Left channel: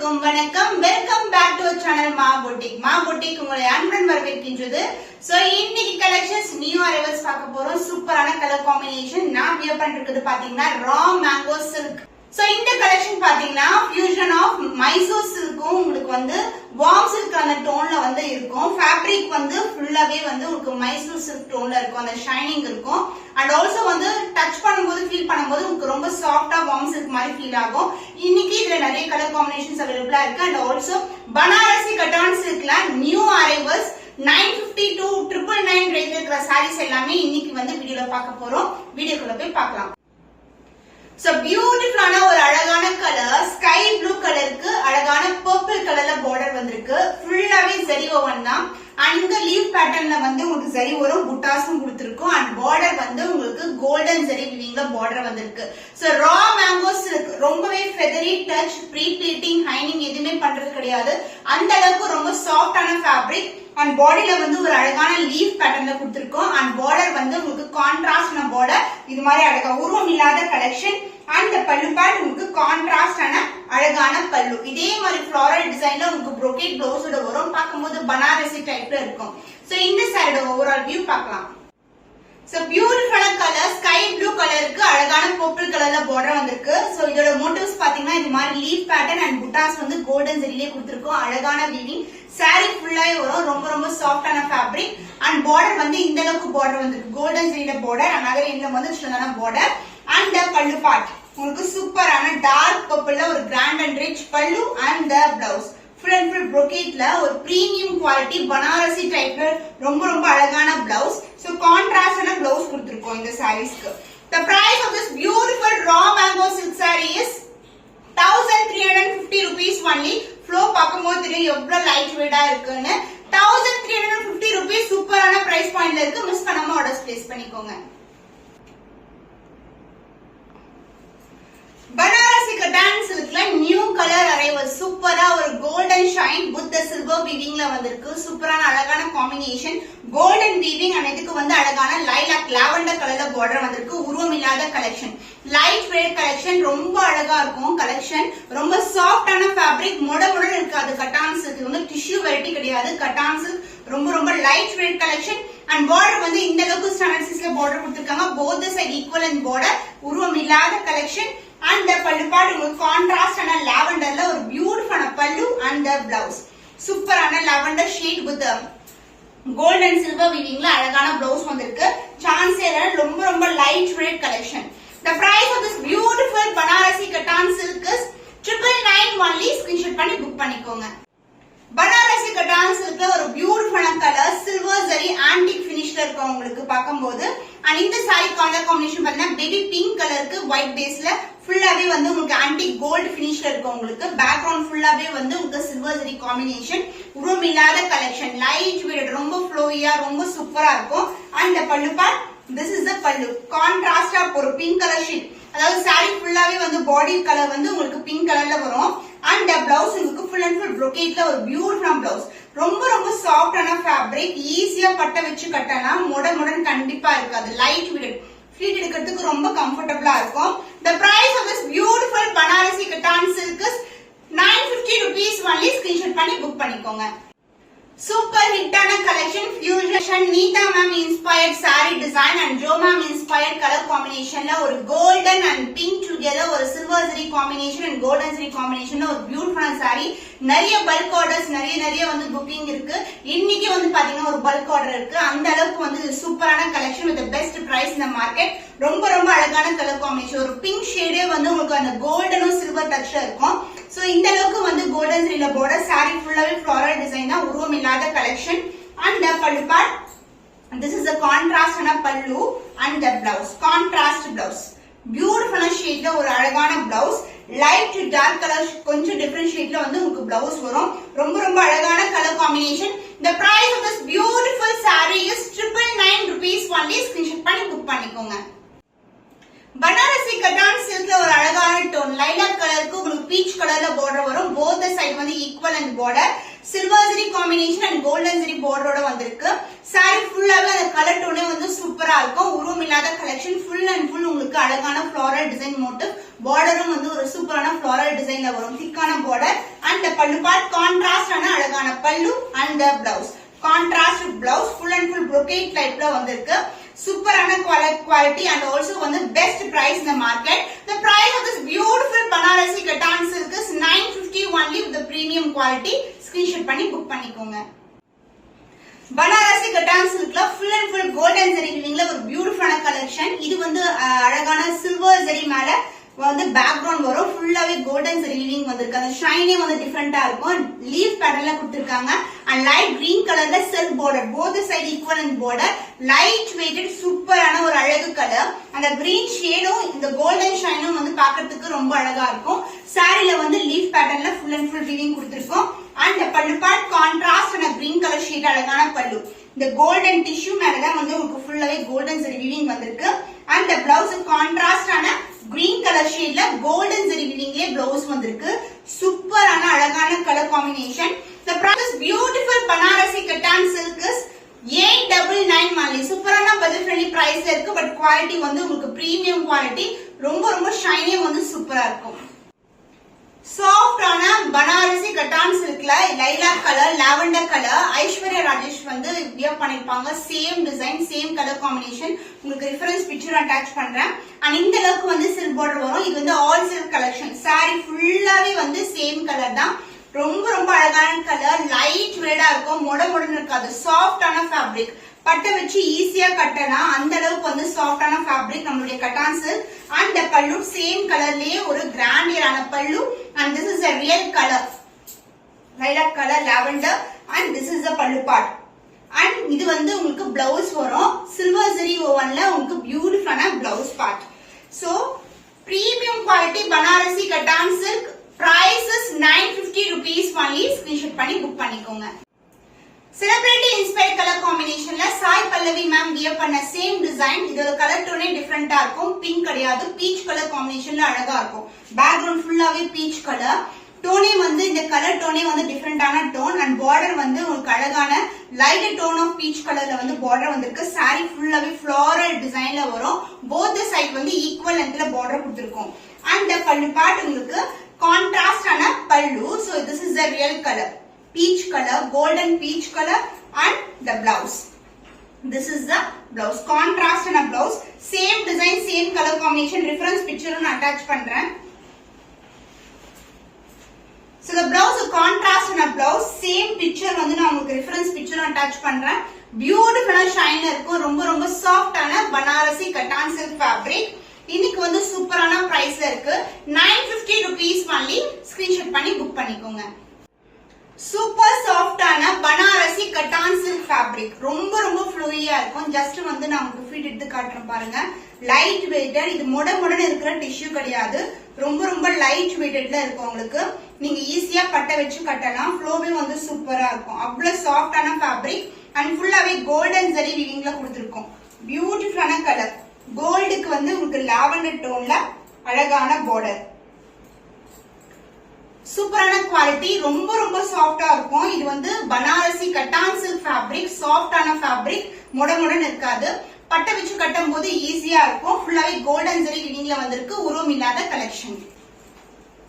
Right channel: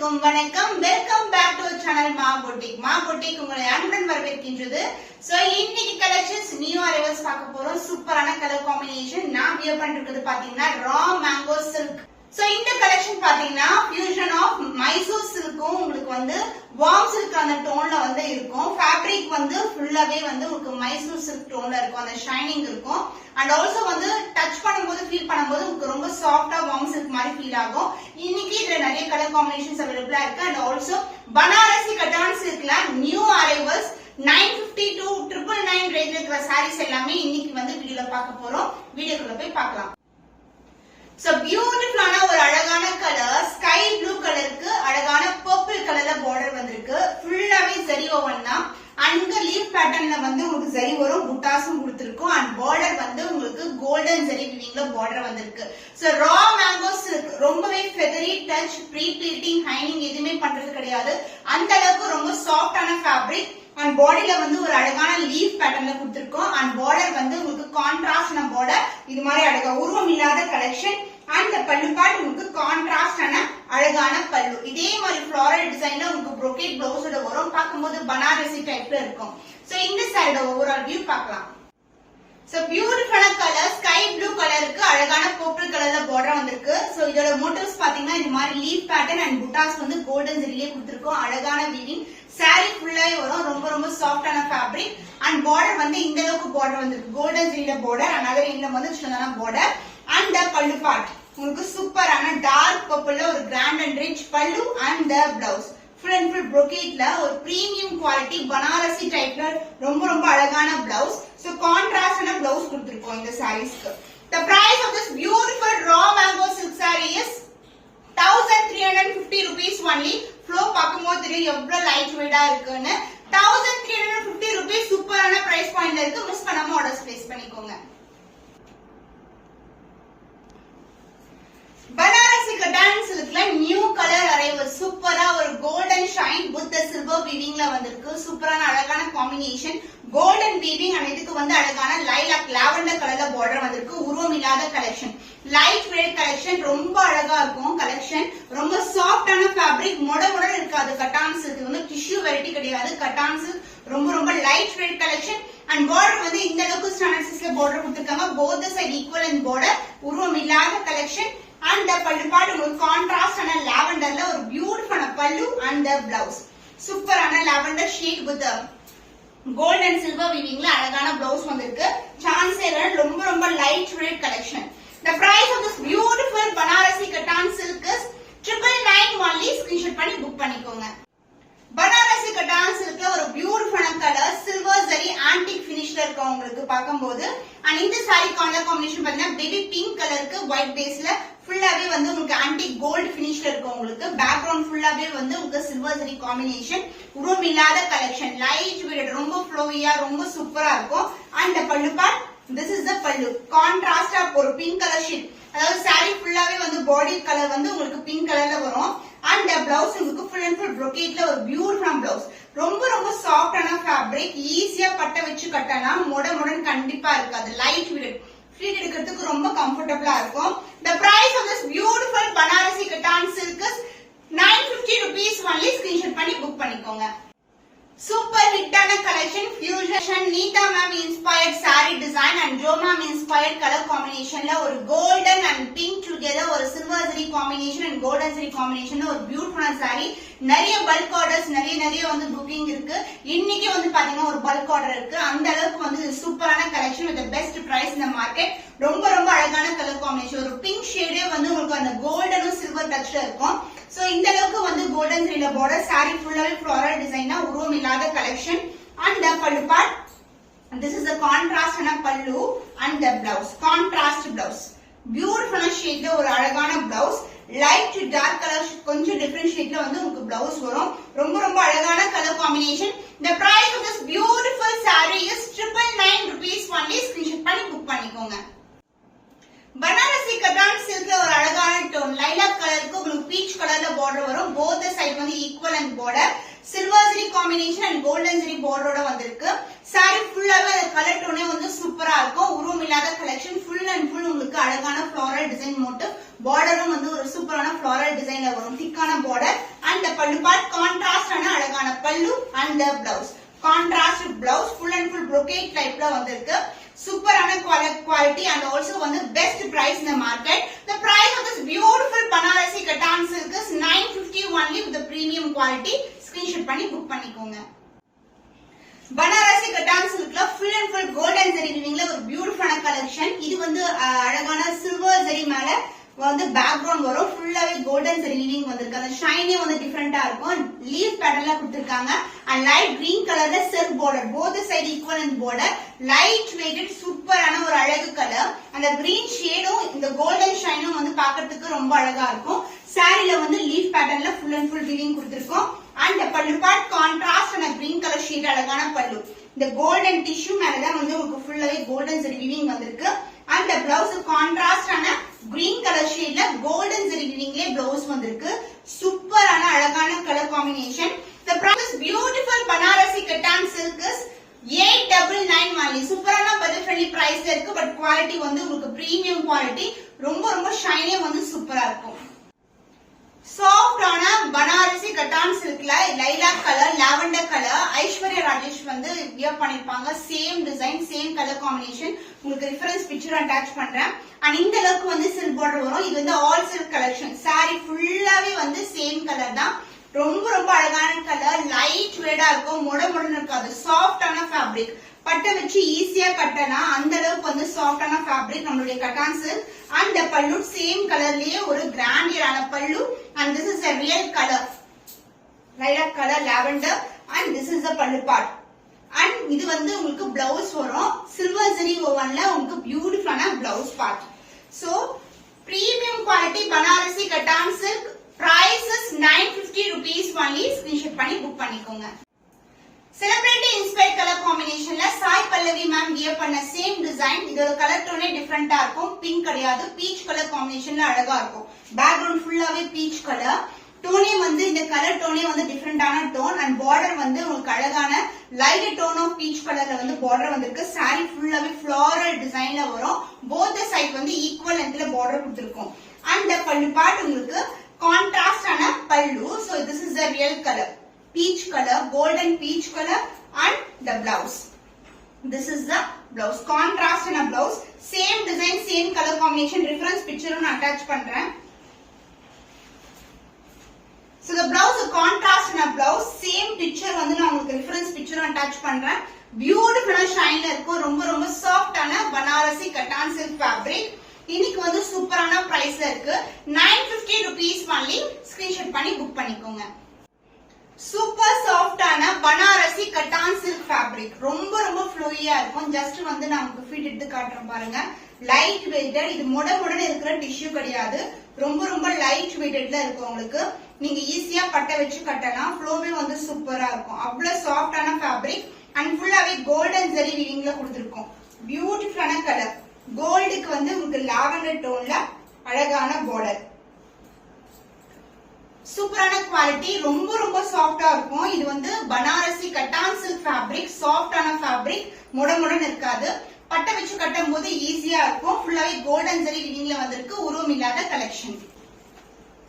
அனைவருக்கும் வணக்கம். Welcome back to channel மா பொட்டிக் உங்களை அன்புடன் வரவேற்கின்றது. சோ இன்னைக்கு கலெக்ஷன்ஸ் நியூ அரைவல்ஸ் பார்க்க போறோம். சூப்பரான கலர் காம்பினேஷன். நான் வியர் பண்ணிருக்கிறது பாத்தீங்கன்னா ரா மேங்கோ சில்க். சோ இந்த கலெக்ஷன் பாத்தீங்கன்னா ஃபியூஷன் ஆஃப் மைசூர் சில்க்கும் உங்களுக்கு வந்து வார்ம் சில்க் அந்த டோன்ல வந்து இருக்கும். ஃபேப்ரிக் வந்து ஃபுல்லாவே வந்து உங்களுக்கு மைசூர் சில்க் டோன்ல இருக்கும். அந்த ஷைனிங் இருக்கும். அண்ட் ஆல்சோ வந்து டச் பண்ணும்போது ஃபீல் பண்ணும்போது உங்களுக்கு ரொம்ப சாஃப்டா வார்ம் சில்க் மாதிரி ஃபீல் ஆகும். இன்னைக்கு இதுல நிறைய கலர் காம்பினேஷன்ஸ் அவைலபிளா இருக்கு. அண்ட் ஆல்சோ பனாரசி கட்டான் சில்க்ல நியூ அரைவல்ஸ் 950 to 999 ரேஞ்சில் இருக்கிற சாரீஸ் எல்லாமே இன்னைக்கு வந்து வீடியோல பார்க்க போறோம். வீடியோக்குள்ள போய் பார்க்கலாம். சோ பியூட்டிஃபுல்லான ஒரு அழகான கலர் ஸ்கை ப்ளூ கலருக்கு அழகான பர்பிள் கலர்ல பார்டர் வந்திருக்கு. ஃபுல்லாவே ஜரி ஓவன் தான். அங்க லீவ் பேட்டர்ன்ல வந்து உங்களுக்கு ஜரி வரும், புட்டாஸும் கொடுத்திருக்கும். அண்ட் பார்டர் வந்து உங்களுக்கு கோல்டன் ஜரி வீவிங்ல பார்டர் வந்திருக்கு. சோ ரா மேங்கோ சில்க் ரொம்பவே ஃபெதரி டச், ப்ரீ ப்ளீட்டிங், ஹைனிங் எதுவுமே பண்றது கிடையாது. அந்த அளவுக்கு ரொம்ப சாஃப்டான ஃபேப்ரிக். அண்ட் பாடியில வந்து ஒரு அழகான லீஃப் பேட்டர்ன்ல கொடுத்திருக்கோம். அண்ட் பார்டர் வந்து உங்களுக்கு கான்ட்ராஸ்டான பார்டர், இது மாதிரி அழகா உருவம் இல்லாத கலெக்ஷன். அண்ட் பல்லு பார்ட் உங்களுக்கு கான்ட்ராஸ்டான அழகான பல்லு. இதே மாதிரி ஃபிளாரல் டிசைன்ல உங்களுக்கு brocade பிளவுஸோட வரும். பார்க்கும்போது பனாரசி டைப்ல இருக்கும். சோ இந்த சாரியோட ஓவரால் வியூ பார்க்கலாம். சோ பியூட்டிஃபுல்லான கலர் ஸ்கை ப்ளூ கலருக்கு அழகான பர்பிள் கலர்ல பார்டர் வந்திருக்கு. சோ இதோட மோட்டிவ்ஸ் பாத்தீங்கன்னா இது மாதிரி லீஃப் பேட்டர்ன் அண்ட் புட்டாஸ் வந்து கோல்டன் ஜரியிலே கொடுத்திருக்கோம். அழகான வீவிங். சாரி ஃபுல்லாவே வரும். ரொம்ப ரொம்ப சாஃப்டான ஃபேப்ரிக். அண்ட் பார்டர் வந்து இந்த அளவுக்கு பார்டர் வந்திருக்கு. கோல்டன் ஜரியில பார்டர், அனதர் எண்ட்ல வந்து சின்னதான பார்டர். அண்ட் பல்லு பார்ட் உங்களுக்கு சூப்பரான டார்க் பர்பிள்ல ஒரு கிராண்ட் அண்ட் ரிச் பல்லு. And blouse full and full brocade ஒரு பிரீமியம் குவாலிட்டி பனாரசி டைப்ல ரொம்ப ரொம்ப அழகான பிளவுஸ். சோ கான்ட்ராஸ்டான பிளவுஸ் கொடுத்திருக்கோம் இந்த சாரீஸ்க்கு. The price of this beautiful raw mango silk saree is 1350 rupees only. Flow பார்க்கும்போது தெரியும் எவ்வளவு லைட் வெயிட்டா இருக்குன்னு. 1350 rupees சூப்பரான பிரைஸ் பாயிண்ட்ல இருக்கு. மிஸ் பண்ணாம ஆர்டர்ஸ் பிளேஸ் பண்ணிக்கோங்க. பனாரசி கட்டான் சில்க்ல நியூ கலர் அரைவல். சூப்பரா ஒரு கோல்டன் ஷைன் வித் சில்வர் வீவிங்ல வந்திருக்கு. சூப்பரான அழகான காம்பினேஷன். கோல்டன் வீவிங் அண்ட் இதுக்கு வந்து அழகான லைலாக் லாவெண்டர் கலர்ல பார்டர் வந்திருக்கு. உருவம் இல்லாத கலெக்ஷன், லைட் வெயிட் கலெக்ஷன். ரொம்ப அழகா இருக்கும் கலெக்ஷன். ரொம்ப சாஃப்டான ஃபேப்ரிக், முடமுடன் இருக்காது. கட்டான் சில்க் வந்து டிஷ்யூ வெரைட்டி கிடையாது. கட்டான் சில்க் ரொம்ப ரொம்ப light weight collection. And border வந்து இந்த அளவுக்கு ஸ்டாண்டர்ட் சைஸ்ல பார்டர் கொடுத்திருக்காங்க. Both side equal and border, உருவம் இல்லாத கலெக்ஷன். அண்ட் பல்லு பார்ட் உங்களுக்கு கான்ட்ராஸ்டான லாவெண்டர்ல ஒரு பியூட்டிஃபுல்லான பல்லு. அண்ட் பிளவுஸ் சூப்பரான lavender shade with gold and silver வீவிங்ல அழகான பிளவுஸ் வந்திருக்கு. சான்ஸ் இல்ல, ரொம்ப ரொம்ப light weight collection. The price of this beautiful Banarasi Kattan silk is 999 only. Screenshot பண்ணி புக் பண்ணிக்கோங்க. பனாரசி கட்டான் சில்க்ல ஒரு பியூட்டிஃபுல்லான கலர் சில்வர் ஜரி ஆன்டிக் பினிஷ்ல இருக்கும் உங்களுக்கு பார்க்கும்போது. அண்ட் இந்த சாரி கலர் காம்பினேஷன் பாத்தீங்கன்னா பேபி பிங்க் கலருக்கு ஒயிட் பேஸ்ல ஃபுல்லாவே வந்து உங்களுக்கு ஆன்டிக் கோல்டு பினிஷ்ல இருக்கும் உங்களுக்கு. பேக்ரவுண்ட் ஃபுல்லாவே வந்து உங்களுக்கு சில்வர் ஜரி காம்பினேஷன். உருவம் இல்லாத கலெக்ஷன், லைட் வெயிட், ரொம்ப ஃப்ளோயியா, ரொம்ப சூப்பரா இருக்கும். அண்ட் பல்லு part this is the pallu. கான்ட்ராஸ்டா ஒரு பிங்க் கலர் ஷீட், அதாவது சாரி ஃபுல்லாவே வந்து பாடி கலர் வந்து உங்களுக்கு பிங்க் கலர்ல வரும். அண்ட் பிளவுஸ் உங்களுக்கு ஃபுல் அண்ட் ஃபுல் brocade ஒரு பியூட்டிஃபுல் பிளவுஸ். ரொம்ப ரொம்ப சாஃப்டான ஃபேப்ரிக். ஈஸியா பட்ட வச்சு கட்டலாம். முடன் கண்டிப்பா இருக்காது. லைட் வெயிட், ஃபீட் எடுக்கிறதுக்கு ரொம்ப கம்ஃபர்டபுளா இருக்கும். The price of this beautiful Banarasi Kattan silk is 950 rupees only. Screenshot பண்ணி புக் பண்ணிக்கோங்க. சூப்பர் ஹிட்டான collection fusion Neeta ma'am inspired sari design and Jo ma'am inspired colour காம்பினேஷன்ல ஒரு கோல்டன் அண்ட் பிங்க் டுகெதர் ஒரு silver zari combination and golden zari காம்பினேஷன்ல ஒரு பியூட்டிஃபுல்லான sorry. நிறைய பல்க் ஆர்டர்ஸ் நிறைய வந்து புக்கிங் இருக்கு. இன்னைக்கு வந்து பாத்தீங்கன்னா ஒரு பல்க் ஆர்டர் இருக்கு. அந்த அளவுக்கு வந்து சூப்பரான கலெக்ஷன் வித் பெஸ்ட் பிரைஸ் இந்த மார்க்கெட். ரொம்ப ரொம்ப அழகான கலர் காம்பினேஷன். ஒரு பிங்க் ஷேடே வந்து உங்களுக்கு அந்த கோல்டனும் சில்வர் டச்ல இருக்கும். சோ இந்த அளவுக்கு வந்து கோல்டன் ஜரியில பார்டர், சாரி ஃபுல்லாவே ஃபிளாரல் டிசைனா, உருவம் இல்லாத கலெக்ஷன். அண்ட் பல்லு part this is a contrast and a pallu. and the blouse contrast blouse பியூட்டிஃபுல்லான ஷேட்ல ஒரு அழகான blouse. Light to dark colour கொஞ்சம் டிஃபரண்ட் ஷேட்ல வந்து உங்களுக்கு பிளவுஸ் வரும். ரொம்ப ரொம்ப அழகான colour combination. The price of this beautiful saree is 999 rupees only. Screenshot பண்ணி புக் பண்ணிக்கோங்க. பனாரசி கட்டான் சில்க்ல ஒரு அழகான டோன் லைலாக் கலருக்கு உங்களுக்கு பீச் கலர்ல பார்டர் வரும். போத் சைடு வந்து equal and border. Silver zari combination and golden zari பார்டரோட வந்திருக்கு. சாரி ஃபுல்லாவே அந்த கலர் டோனே வந்து சூப்பரா இருக்கும். உருவம் இல்லாத கலெக்ஷன். ஃபுல் அண்ட் ஃபுல் உங்களுக்கு அழகான ஃபிளாரல் டிசைன் மோட்டிவ். பார்டரும் வந்து ஒரு சூப்பரான ஃபிளாரல் டிசைன்ல வரும். திக்கான border and the pallu part contrast ஆன அழகான பல்லு and the blouse. Contrast blouse full and full brocade type ல வந்திருக்கு. சூப்பரான quality and also வந்து best price in the market. The price of this beautiful Banarasi Kattan silk is 950 only with the premium quality. Screenshot பண்ணி book பண்ணிக்கோங்க. Banarasi Kattan silkல full and full gold and zari weavingல ஒரு பியூட்டிஃபுல்லான collection. இது வந்து அழகான silver zari மேல வந்து background வரும். ஃபுல்லாவே கோல்டன் zari weaving வந்திருக்கு. அந்த ஷைனே வந்து டிஃபரெண்டா இருக்கும். லீஃப் பேட்டர்ன்ல கொடுத்திருக்காங்க. and light green கலர்ல silk border both side equivalent border light weighted சூப்பரான ஒரு அழகு கலர். அந்த கிரீன் ஷேடும் இந்த கோல்டன் ஷைனும் வந்து பார்க்கிறதுக்கு ரொம்ப அழகா இருக்கும். சாரில வந்து லீஃப் பேட்டர்ன்ல full and full weaving கொடுத்திருக்கோம். and pallu part contrast and green color shade அழகான பல்லு. இந்த கோல்டன் டிஷ்யூ மேல தான் வந்து உங்களுக்கு ஃபுல்லாவே கோல்டன் zari weaving வந்திருக்கு. and the blouse contrast ஆன green color shadeல golden zari weavingலே blouse வந்திருக்கு. சூப்பரான அழகான colour combination. The price is beautiful Banarasi Kattan silk is 899 only. சூப்பரான budget friendly price இருக்கு. பட் குவாலிட்டி வந்து உங்களுக்கு பிரீமியம் குவாலிட்டி. ரொம்ப ரொம்ப ஷைனே வந்து சூப்பரா இருக்கும். சாஃப்ட் ஆன பனாரசி கட்டான் சில்க்ல lilac colour lavender colour Aishwarya Rajesh வந்து வியர் பண்ணிருப்பாங்க. Same design same colour combination. உங்களுக்கு ரெஃபரன்ஸ் பிக்சர் அட்டாச் பண்றேன். அண்ட் இந்த அளவுக்கு வந்து சில்க் பார்டர் வரும். இது வந்து ஆல் சில்க் கலெக்ஷன். சாரி ஃபுல்லாவே வந்து சேம் கலர் தான். ரொம்ப ரொம்ப அழகான கலர். லைட் வெயிட்டா இருக்கும். மொடன்னு இருக்காது. சாஃப்டான ஃபேப்ரிக். பட்டை வச்சு ஈஸியா கட்டலாம். அந்த அளவுக்கு வந்து சாஃப்டான ஃபேப்ரிக் நம்மளுடைய cotton silk. and the pallu same கலர்லயே ஒரு கிராண்டியரான பல்லு. and this is a real color lilac color lavender and this is the pallu part. and இது வந்து உங்களுக்கு blouse வரும். silver zari wovenல உங்களுக்கு பியூட்டிஃபுல்லான blouse part. so premium quality Banarasi Kattan silk price is 950 rupees only. screenshot பண்ணி book பண்ணிக்கோங்க. Celebrity inspired color combinationல Sai Pallavi ma'am wear பண்ண same design. இதோட கலர் டோனே டிஃபரெண்டா இருக்கும். பிங்க் கிடையாது. பீச் கலர் காம்பினேஷன்ல அழகா இருக்கும். பேக்ரவுண்ட் ஃபுல்லாவே பீச் கலர். டோனே வந்து இந்த கலர் டோனே வந்து டிஃபரெண்டான டோன். அண்ட் பார்டர் வந்து உங்களுக்கு அழகான லைட் டோன் ஆஃப் பீச் கலர்ல வந்து பார்டர் வந்திருக்கு. சாரி ஃபுல்லாவே ஃப்ளோரல் டிசைன்ல வரும். போத் சைட் வந்து ஈக்குவல் லென்த்ல பார்டர் கொடுத்திருக்கோம். அண்ட் பல்லு பார்ட் உங்களுக்கு கான்ட்ராஸ்ட் ஆன பல்லு. So this is the real colour. Peach color, golden peach color and the blouse. This is the blouse. Contrast in a blouse. Same design, same color combination. Reference picture on attach பண்றேன். So the blouse contrast in a blouse. Same picture வந்து நான் உங்களுக்கு reference picture attach பண்றேன். Beautiful shine இருக்கும். ரொம்ப ரொம்ப soft ஆன Banarasi Kattan silk fabric. இன்னைக்கு வந்து சூப்பரான பிரைஸ்ல இருக்கு. 950 rupees only. Screenshot பண்ணி புக் பண்ணிக்கோங்க. சூப்பர் சாஃப்டான பனாரசி கட்டான் சில்க் ஃபேப்ரிக். ரொம்ப ரொம்ப ஃப்ளோயியா இருக்கும். ஜஸ்ட் வந்து நான் உங்களுக்கு ஃபீட் எடுத்து காட்டுறேன் பாருங்க. Light weighted. இது முடன்னு இருக்கிற டிஷ்யூ கிடையாது. ரொம்ப ரொம்ப லைட் வெயிட்டட்ல இருக்கும். உங்களுக்கு நீங்க ஈஸியா பட்டை வச்சு கட்டலாம். ஃப்ளோவே வந்து சூப்பரா இருக்கும். அவ்வளவு சாஃப்டான ஃபேப்ரிக். அண்ட் ஃபுல்லாவே கோல்டன் zari weavingல கொடுத்திருக்கோம். பியூட்டிஃபுல்லான கலர். கோல்டுக்கு வந்து உங்களுக்கு லாவெண்டர் டோன்ல அழகான பார்டர். சூப்பரான குவாலிட்டி. ரொம்ப ரொம்ப சாஃப்டா இருக்கும். இது வந்து பனாரசி கட்டான் சில்க் ஃபேப்ரிக். சாஃப்டான ஃபேப்ரிக். முடன்னு இருக்காது. பட்டை வச்சு கட்டும் போது ஈஸியா இருக்கும். ஃபுல்லாவே கோல்டன் zari weavingல வந்திருக்கு. உருவம் இல்லாத கலெக்ஷன்.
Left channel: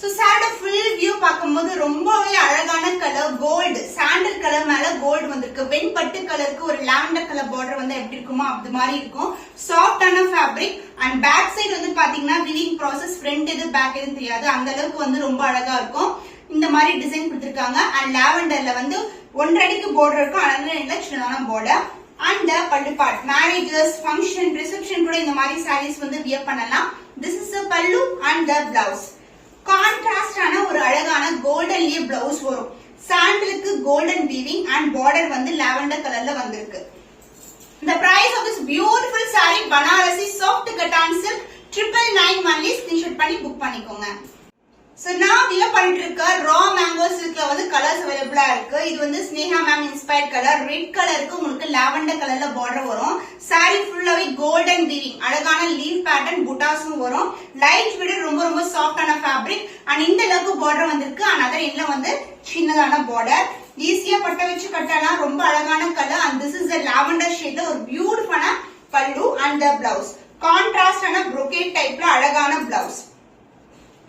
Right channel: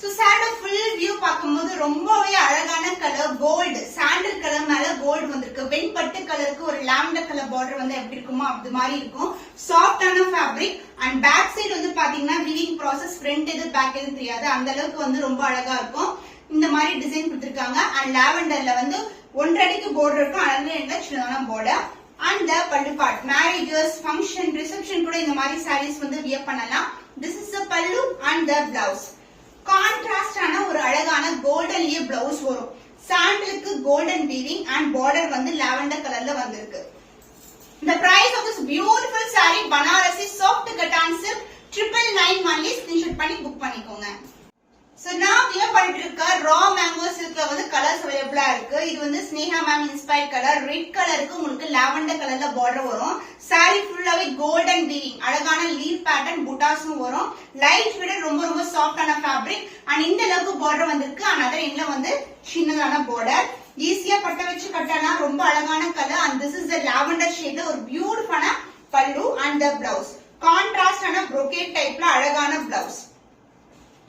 சோ சாரோட ஃபுல் வியூ பார்க்கும்போது ரொம்பவே அழகான கலர். கோல்டு சாண்டல் கலர் மேல கோல்டு வந்திருக்கு. வெண்பட்டு கலருக்கு ஒரு லாவெண்டர் கலர் பார்டர் வந்து எப்படி இருக்குமோ அது மாதிரி இருக்கும். சாஃப்டான ஃபேப்ரிக். அண்ட் பேக் சைடு வந்து பாத்தீங்கன்னா விவிங் ப்ராசஸ் ஃப்ரண்ட் எது பேக் எது தெரியாது. அந்த அளவுக்கு வந்து ரொம்ப அழகா இருக்கும். இந்த மாதிரி டிசைன் கொடுத்திருக்காங்க. அண்ட் லாவெண்டர்ல வந்து 1.5 அடிக்கு பார்டர் இருக்கும். அதனால சின்னதான பார்டர். அண்ட் பல்லு பார்ட் மேரேஜஸ் ஃபங்க்ஷன் ரிசப்ஷன் கூட இந்த மாதிரி சாரீஸ் வந்து வியர் பண்ணலாம். This is a pallu and the blouse. Contrast ஆன ஒரு அழகான கோல்டன்லயே பிளவுஸ் வரும். சாண்டலுக்கு கோல்டன் வீவிங் அண்ட் பார்டர் வந்து லாவெண்டர் கலர்ல வந்திருக்கு. The price of this beautiful saree Banarasi soft cotton silk 999 only. screenshot பண்ணி புக் பண்ணிக்கோங்க. So நான் வியர் பண்ணிட்டு இருக்க ரா மேங்கோ சில்க்ல வந்து கலர்ஸ் அவைலபிளா இருக்கு. இது வந்து Sneha ma'am inspired colour. Red கலருக்கு உங்களுக்கு லாவெண்டர் கலர்ல பார்டர் வரும். சாரி ஃபுல்லாவே கோல்டன் வீவிங். அழகான லீவ் பேட்டர்ன் புட்டாஸும் வரும். Light weight. ரொம்ப ரொம்ப சாஃப்டான ஃபேப்ரிக். அண்ட் இந்த அளவுக்கு பார்டர் வந்திருக்கு. அண்ட் அதர் எண்ட்ல வந்து சின்னதான பார்டர். ஈஸியா பட்டை வச்சு கட்டலாம். ரொம்ப அழகான colour. And this is the lavender ஷேட்ல ஒரு பியூட்டிஃபுல்லான pallu and the blouse. Contrast ஆன brocade டைப்ல அழகான பிளவுஸ்.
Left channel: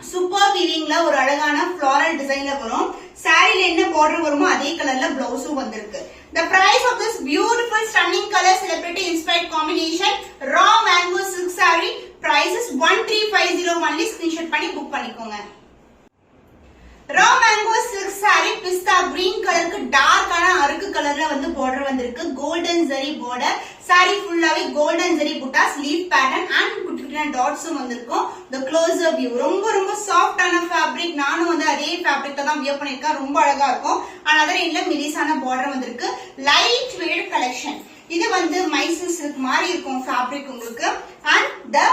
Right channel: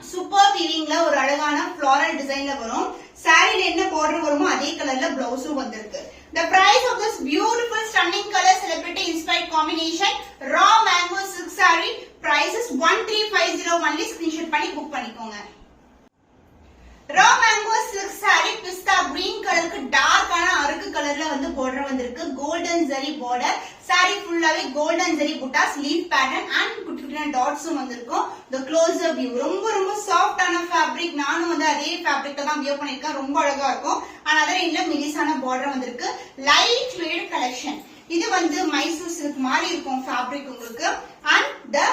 சூப்பர் வீவிங்ல ஒரு அழகான ஃப்ளாரல் டிசைன்ல வரும். சாரில என்ன பார்டர் வருமோ அதே கலர்ல பிளவுஸும் வந்திருக்கு. The price of this beautiful stunning color celebrity inspired combination raw mango silk saree price is 1350 only. Screenshot பண்ணி புக் பண்ணிக்கோங்க. raw mango silk saree pista green கலருக்கு டார்க்கான அருக்கு கலர்ல வந்து border வந்திருக்கு. golden zari border. saree ஃபுல்லாவே golden zari buttas leaf pattern and குட்டி குட்டியான டாட்ஸும் வந்திருக்கும். the closer view ரொம்ப ரொம்ப சாஃப்ட்டான ஃபேப்ரிக். நானும் வந்து அதே ஃபேப்ரிக்ல தான் வியர் பண்ணிருக்கேன். ரொம்ப அழகா இருக்கும். another இல்ல மெலிசான border வந்திருக்கு. light weight collection. இது வந்து மைசூர் சில்க் மாதிரி இருக்கும் ஃபேப்ரிக் உங்களுக்கு. and the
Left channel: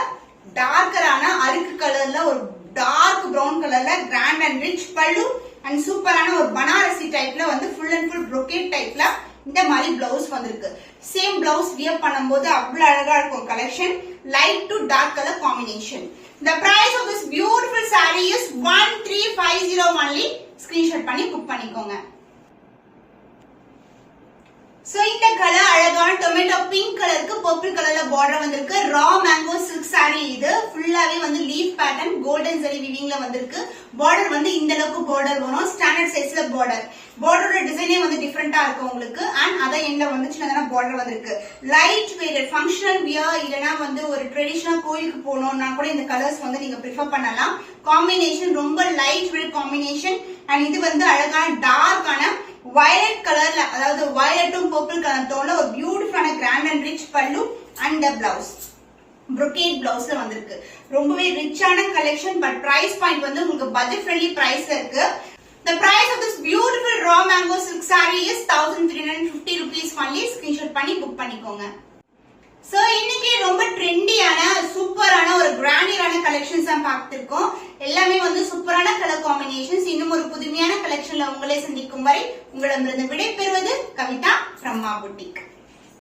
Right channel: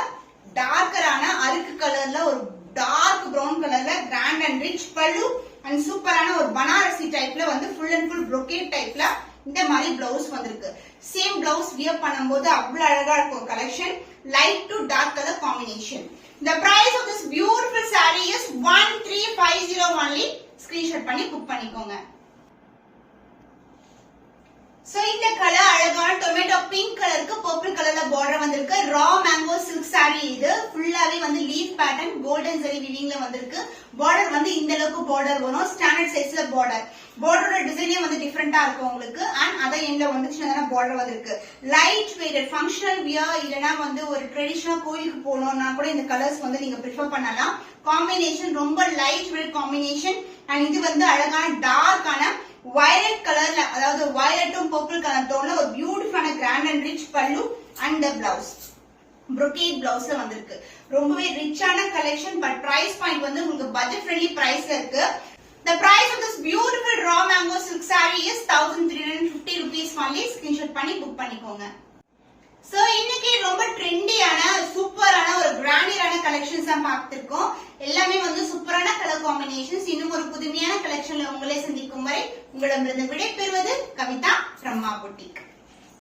டார்க்கரான அருக்கு கலர்ல ஒரு டார்க் பிரவுன் கலர்ல கிராண்ட் அண்ட் ரிச் பல்லு அண்ட் சூப்பரான ஒரு பனாரசி டைப்ல வந்து ஃபுல் அண்ட் ஃபுல் brocade டைப்ல இந்த மாதிரி பிளவுஸ் வந்திருக்கு. சேம் பிளவுஸ் வியர் பண்ணும்போது அவ்வளவு அழகா இருக்கும் collection. Light to dark colour combination. The price of this beautiful saree is 1350 only. Screenshot பண்ணி புக் பண்ணிக்கோங்க. சோ இந்த கலர் அழகான டொமேட்டோ பிங்க் கலருக்கு பர்பிள் கலர்ல பார்டர் வந்திருக்கு. ரா மேங்கோ சில்க் saree இது ஃபுல்லாவே வந்து லீஃப் பேட்டர்ன் கோல்டன் ஜரி வீவிங்ல வந்திருக்கு. பார்டர் வந்து இந்த அளவுக்கு பார்டர் வரும். ஸ்டாண்டர்ட் சைஸ்ல பார்டர். பார்டரோட டிசைனே வந்து டிஃபரெண்டா இருக்கும் உங்களுக்கு. அண்ட் அத எண்ட்ல வந்து சின்னதான பார்டர் வந்திருக்கு. லைட் வெயிட்டட் ஃபங்க்ஷனல் வியர் இல்லனா வந்து ஒரு ட்ரெடிஷனல் கோயிலுக்கு போகணும்னா கூட இந்த கலர்ஸ் வந்து நீங்க ப்ரிஃபர் பண்ணலாம். காம்பினேஷன் ரொம்ப லைட் வெயிட் காம்பினேஷன். அண்ட் இது வந்து அழகான டார்க்கான violet கலர்ல அதாவது வயலட்டும் பர்பிள் கலர் டோன்ல ஒரு பியூட்டிஃபுல்லான கிராண்ட் அண்ட் ரிச் பல்லு அண்ட் த பிளவுஸ் brocade பிளவுஸ்ல வந்திருக்கு. ரொம்பவே ரிச்சான கலெக்ஷன். பட் பிரைஸ் பாயிண்ட் வந்து உங்களுக்கு பட்ஜெட் ஃப்ரெண்ட்லி பிரைஸ்ல இருக்கு. The price of this beautiful raw mango silk saree is 1350 rupees only. Screenshot பண்ணி புக் பண்ணிக்கோங்க. சோ இன்னைக்கு ரொம்ப ட்ரெண்டியான சூப்பரான ஒரு கிராண்டியரான கலெக்ஷன்ஸ் தான் பார்த்திருக்கோம். எல்லாமே வந்து சூப்பரான கலர் காம்பினேஷன்ஸ். இன்னும் ஒரு புதுமையான கலெக்ஷன்ல உங்களை சந்திக்கும் வரை உங்களிடமிருந்து விடை பெறுவது கவிதா from Ma Boutique.